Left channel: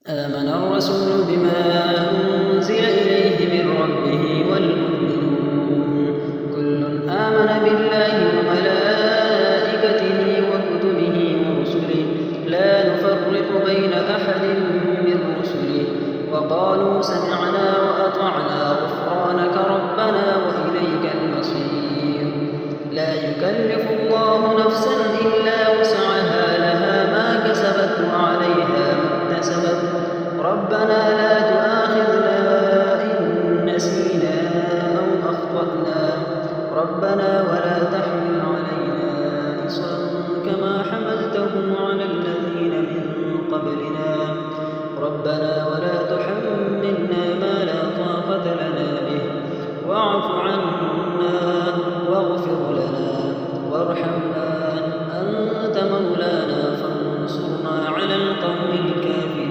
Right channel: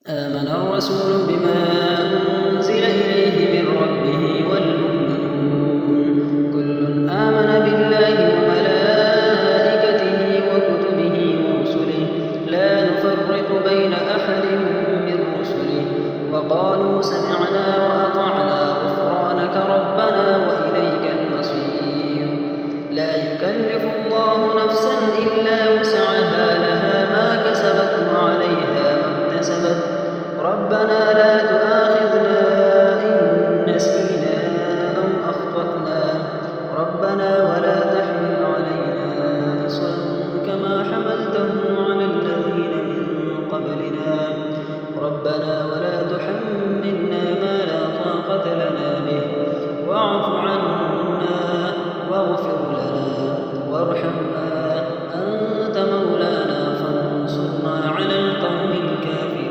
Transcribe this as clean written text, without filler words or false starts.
آمن الرسول بما أنزل إليه من ربه والمؤمنون كل آمن بالله وملائكته وكتبه ورسله لا نفرق بين أحد من رسله وقالوا سمعنا وأطعنا غفرانك ربنا وإليك المصير لا يكلف الله نفسا إلا وسعها لها ما كسبت وعليها ما اكتسبت ربنا لا تؤاخذنا إن نسينا أو أخطأنا ربنا ولا تحمل علينا إصرا كما حملته على الذين من قبلنا ربنا ولا تحملنا ما لا طاقة لنا به واعف عنا واغفر لنا وارحمنا أنت مولانا فانصرنا على القوم الكافرين